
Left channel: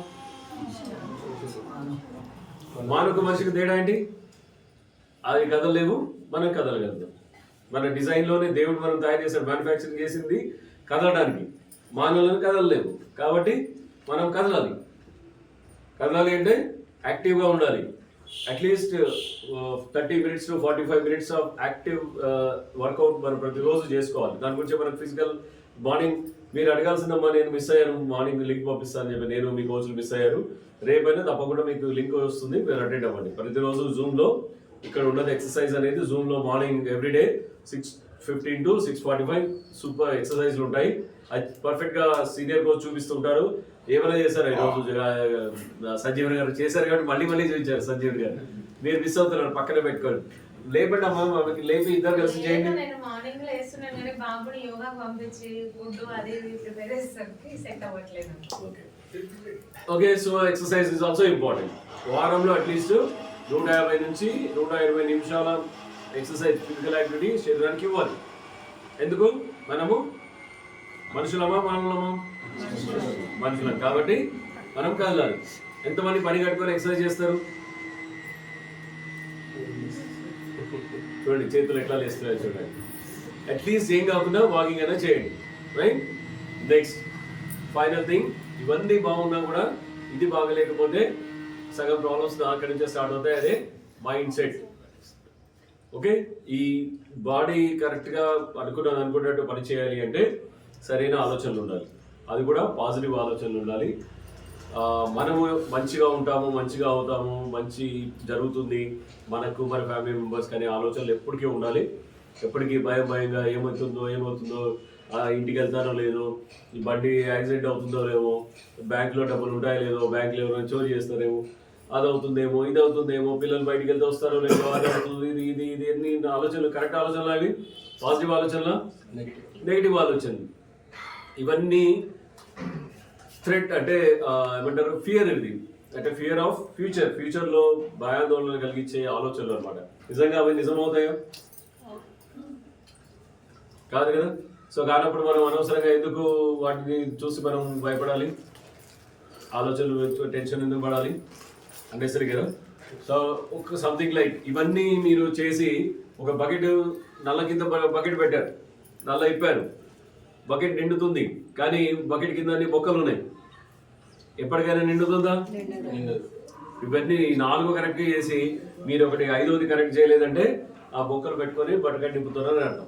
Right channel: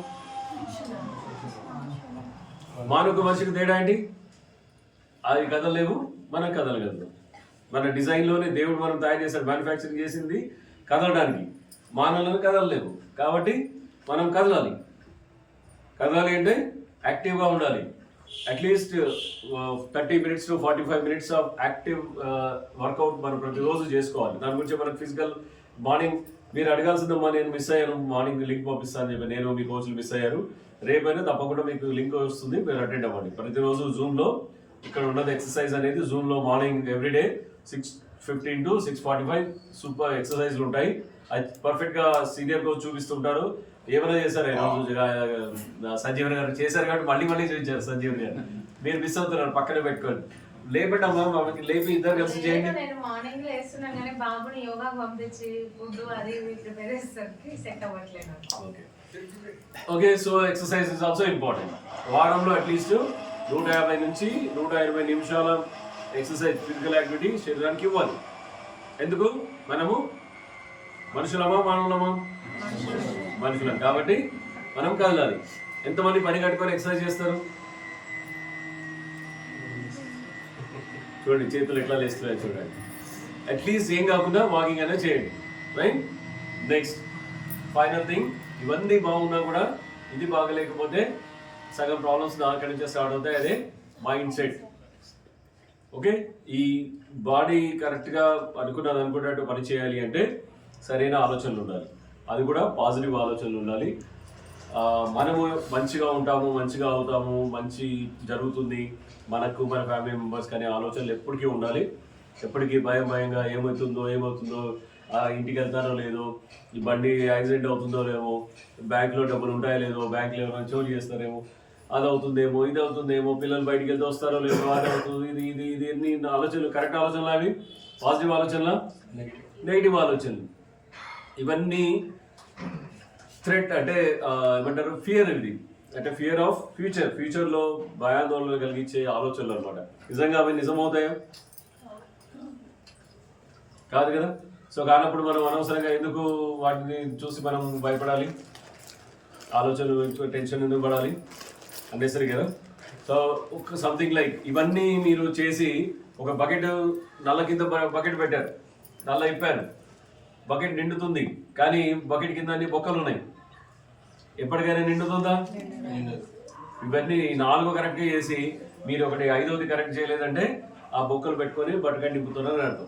మానవుకు మనిషికి తేడా ఏంటి? అవి కదలలేవు, మనం కదలగలుగుతాం. మన డిజైన్లోనే దేవుడు మనం తయారు చేశాడు, మ్యానుఫ్యాక్చరింగ్ చేసింది కదలడానికి. మానవులను కదలలేవు కాబట్టి మనం కదలాలి. కదలాలి అంటే యాక్టివ్గా ఉండాలి. At least 30 minutes to 45 minutes of active workout మనం ప్రతిరోజు చేసుకోవాలి. దాని గురించి మనకు ఫిజికల్ మార్నింగ్ మీరు అడగాల్సిందమ్మా నేను మిస్ అయ్యాను, మార్నింగ్ లింక్ పంపిస్తాను చెప్పి నేను మీ కోచ్లు మిస్ అయ్యారు, రేపైనా తప్పకుండా మీకు లింక్ వస్తుంది, మీరు అటెండ్ అవ్వండి. ప్రతిరోజు జూమ్లో ఇక్కడ ఉన్నది ఎక్సర్సైజ్ అనేది జూమ్లో మార్నింగ్ ఎవ్రీడే 6:15 to 6:45 సూపర్ ఎక్సర్సైజ్లు ఉంటాయి. అది పర్ఫెక్ట్గా సీనియర్ కోచ్ చూపిస్తుంటారు. ఏమైనా చేశారు ఈరోజు సంజీవన్ గారు చేశారు కాబట్టి మళ్ళీ చూపించారు సంజీవన్ గారు. మీరు మిస్ అవుతున్నారు, పక్కనే పెట్టుకోండి. లేపటమ్మా, లేపి ఇద్దరు కలిసి చేయండి. నేను మార్నింగ్ లేస్తున్నాను కానీ బాబుని యోగా పంపించి ఫుడ్ అది ప్రిపేర్ చేసేసరికి సెట్ అవ్వట్లేదు. Okay, so exercise is also important. వారంలో అట్లీస్ట్ 150 నుంచి 120 నిమిషాల ఎక్సర్సైజ్ ఫిజికల్ యాక్టివిటీ శరీరానికి ఇవ్వాలి. ఎందుకు? మనము మనుషులమా మానవులమా? మనుషులం కాబట్టి మనం కదలాలి. ఎంతమంది పని కట్టుకొని ఎక్సర్సైజ్ చేస్తారు? చూడండి చేతులు ఎట్లా లేస్తున్నాయి చూడండి. అట్లీస్ట్ ఏం కాకుండా వాకింగ్ అయినా చేయండి, రైట్? నెక్స్ట్ ఫైనల్ థింగ్, ఇవన్నీ బాగున్నా కూడా ఇది బాగలేకపోతే సగం ప్రాబ్లమ్స్ అక్కడి నుంచే స్టార్ట్ అవుతాయి. అదే మైండ్ సెట్. ఓకే, ఈ బాడీ కరెక్ట్గా అనుకున్నట్టు పని చేయాలి అంటే సరైన ఆలోచనలు ఉండాలి, అది కూడా పాజిటివ్ ఆలోచనలు ఉండాలి. మనము మంచిగా ఉంటాము, మంచిగా అవుతాము, మంచి జరుగుతుంది మనకు, మన ఫ్యామిలీ మెంబర్స్ కానీ ఆలోచనలు ఎప్పటికీ ఉండాలి. ఎప్పటికీ భయంగా ఏమవుతుందో ఇంటికి వెళ్తానో లేదో, ఈ బండి యాక్సిడెంట్ అవుతుందో లేవో, బ్యాంక్లో డబ్బులు ఉంటాయో లేదో, బ్యాంకులో ఎవరైనా చోరీ చేస్తారేమో, అది అవుతుందేమో, ఇది అవుతుందేమో, పిల్లలు బయటికి వెళ్తే వస్తారో లేదో, అది అవుతుంది, ఇది అన్ని ఆలోచనలు కరెక్ట్ ఆలోచనలు, అవి పాజిటివ్ ఆలోచనలా నెగిటివ్ ఆలోచనలు. ఇవన్నీ థ్రెట్ అంటే ఏమంటారు, ఫియర్. ఇది అంటే ఫియర్ ఆఫ్ ఫ్యూచర్లో భయాందోళన కలిగించే ఆలోచనలు అనమాట. నిజంగా అవి నిజమవుతాయా? కాదు కదా. సో కానప్పుడు మనం అనవసరంగా ఎందుకు వాటిని చూసి మనం భయపడాలి, ఆలోచనలు టెన్షన్ ఎందుకు పడాలి? అన్నెసరీ కదా. సో ఒక సంథింగ్ లైక్ ఇవన్నీ మీరు చేసి ఒక బకెట్ నల్ల కింద బకెట్ పెట్టారు, నల్ల ఇప్పారు, బకెట్ నిండుతుంది, కానీ బకెట్ కింద అన్ని బొక్కలు ఉన్నాయి. ఎప్పటికైనా నిండుతుందా? ఇవన్నీ 4 కరెక్ట్గా చేసి మీరు ఒకటి 5వది కరెక్ట్ చేయలేదంటే ఆ బొక్కలు పెట్టుకొని బకెట్ నింపుతున్నారని అర్థం.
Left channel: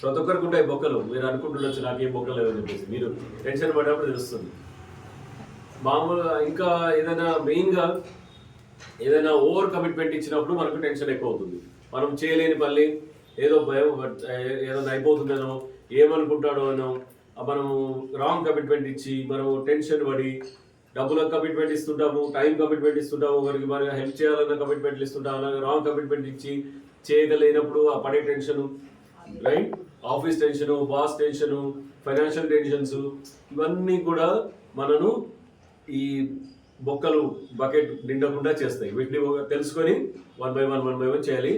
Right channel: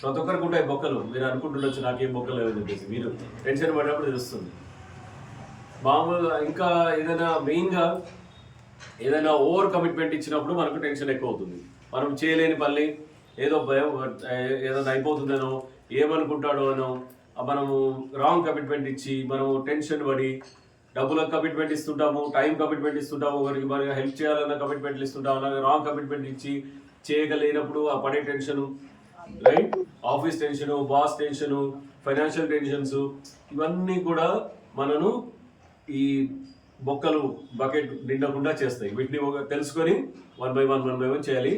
ప్రతి ఒక్కరికి ఉంటాయి బొక్కలు. మీరు అనుకుంటుండొచ్చు నాకేం బొక్కలు లేవని చెప్పేసి, మీరు టెన్షన్ పడినప్పుడు తెలుస్తుంది. మామూలుగా ఇంకా మెయిన్గా ఏదైనా ఓవర్ కమిట్మెంట్ ఇచ్చినప్పుడు మనకు టెన్షన్ ఎక్కువ అవుతుంది. మనం చేయలేని పని ఏదో భయం, ఏదైనా అయిపోతుందనో, ఏమనుకుంటాడో అనో, మనము రాంగ్ కమిట్మెంట్ ఇచ్చి మనము టెన్షన్ పడి డబ్బులకు కమిట్మెంట్ ఇస్తుంటాము, టైం కమిట్మెంట్ ఇస్తుంటాము, ఒకరికి మనకి హెల్ప్ చేయాలన్న కమిట్మెంట్లు ఇస్తుంటాము. అలాగే రాంగ్ కమిట్మెంట్ ఇచ్చి చేయగలేనప్పుడు ఆ పడే tension, right? Office tension, boss tension, financial tensions, ఇవన్నీ కూడా మనను ఈ బొక్కలు బకెట్ నిండకుండా చేస్తాయి. వీటిని తెలుసుకొని 1 by 1 చేయాలి.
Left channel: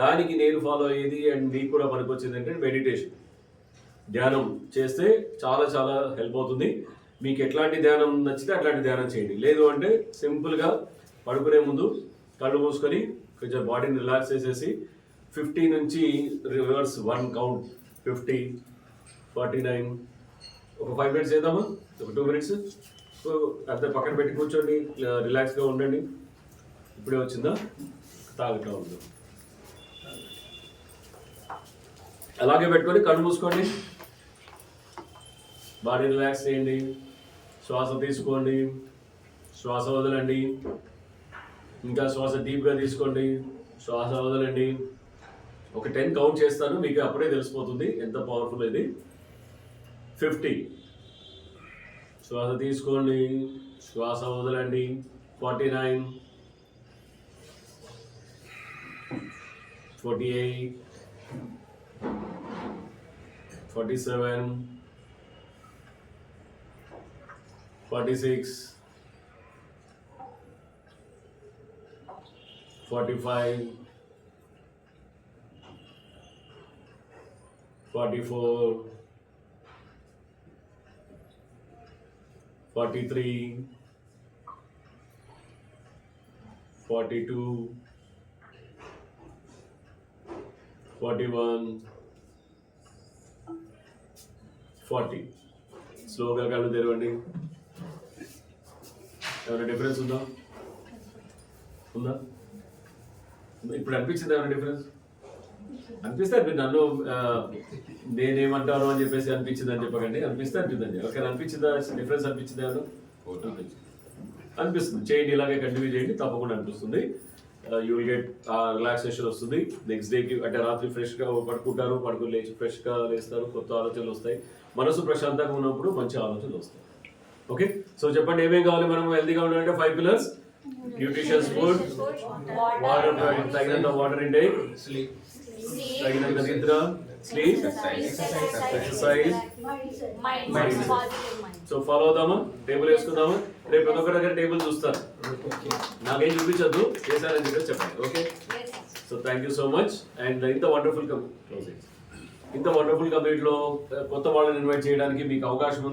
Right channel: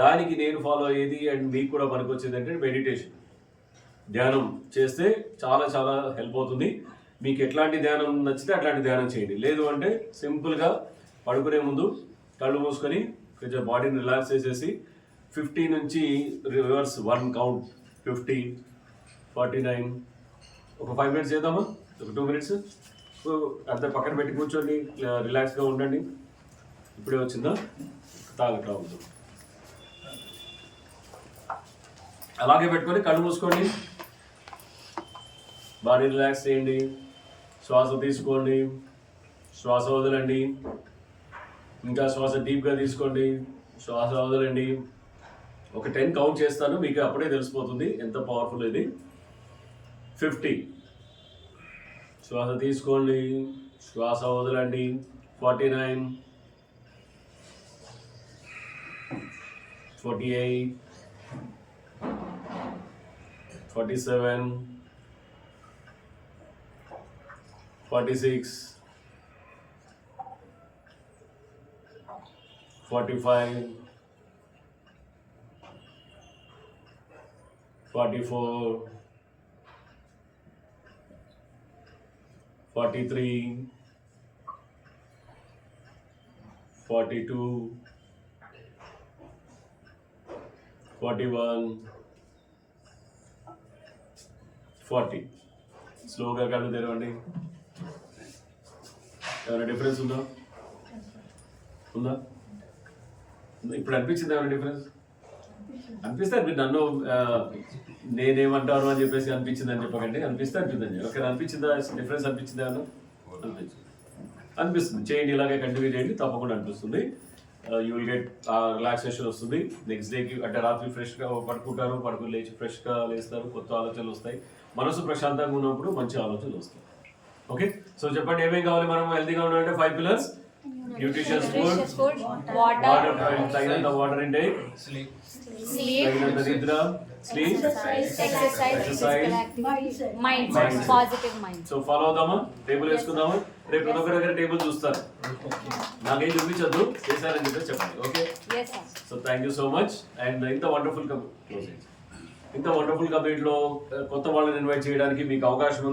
దానికి నేను ఫాలో అయ్యేది అండ్ మీకు కూడా పనికొచ్చేది అంటే మెడిటేషన్, ధ్యానం చేస్తే చాలా చాలా హెల్ప్ అవుతుంది. మీకు ఎట్లాంటి ధ్యానం నచ్చితే అట్లాంటి ధ్యానం చేయండి. లేదు అంటే సింపుల్గా పడుకునే ముందు కళ్ళు మూసుకొని కొంచెం బాడీని రిలాక్స్ చేసేసి 50 నుంచి రివర్స్ 1 కౌంట్, 50, 49, ఒక 5 minutes చేద్దామా? ఒక 2 minutes అంతా పక్కన పెట్టి కూర్చోండి, రిలాక్స్గా ఉండండి. ఇప్పుడే వచ్చిందా? తాగట్లా ఉందో అలాగే పెట్టుకొని కళ్ళు మూసుకోండి, బాడీ రిలాక్స్ చేయండి. శ్వాస తీసుకోండి, శ్వాస వదలండి, ఇంకా శ్వాస డీప్గా తీసుకోండి, శ్వాస వదలండి. ఒక 10 కౌంట్ చేస్తాను, మీకు అప్పుడే తెలిసిపోతుంది ఎంత పవర్ఫుల్ ఇది. 50, శ్వాస తీసుకోండి, శ్వాస వదలండి. 49, 48, 47, 46, 45, 44, 43, 42, 41, 40. స్లోగా కళ్ళు తెరవండి. ఏమైనా డిఫరెన్స్ ఉందా? ఇప్పుడు అనిపించింది ఏమైనా డిఫరెన్స్? అనిపిస్తే మీరు నన్ను నేనేమంటాను అని చెప్పేసి అనిపించింది అని చెప్పకండి, అనిపిస్తే అనిపించింది. ఓకే, అనిపించిందా? డిఫరెన్స్ అనిపించింది ఏమన్నా? అనిపిస్తుంది. చేయండి, ఇలాగే కంటిన్యూ చేయండి, తప్పకుండా అనిపిస్తుంది. యూ విల్ గెట్ రిలాక్సేషన్ వస్తుంది. నెక్స్ట్ డేకి అంటే రాత్రి ఫ్రెష్గా పడుకుంటారు, పడుకుని లేచి ఫ్రెష్గా లేస్తారు, కొత్త ఆలోచనలు వస్తాయి. మనసు ప్రశాంతంగా ఉన్నప్పుడు మంచి ఆలోచనలు వస్తాయి. ఓకే, సో చెప్పండి ఏమేమి కావాలి మనం హెల్తీగా ఉండాలంటే? 5 pillars: న్యూట్రిషియస్ ఫుడ్, వాటర్, తగినంత వాటర్ ఇంటేక్, తగినంత నిద్ర, sleep, exercise, mind positive mind. So follow అవుదామా? టేబుల్ వేసుకుందామా? రేపు ప్రతి ఒక్కరి దగ్గర టేబుల్ చూస్తారు, నాకేం చూపించద్దు, చేశారని చెప్పేసి చెప్పండి. Okay, so thank you so much. And ఇంత వండర్ఫుల్ కమ్యూనిటీలో కొత్త వాళ్ళని ఇన్వైట్ చేయడానికి మీకు అవకాశం ఉంది.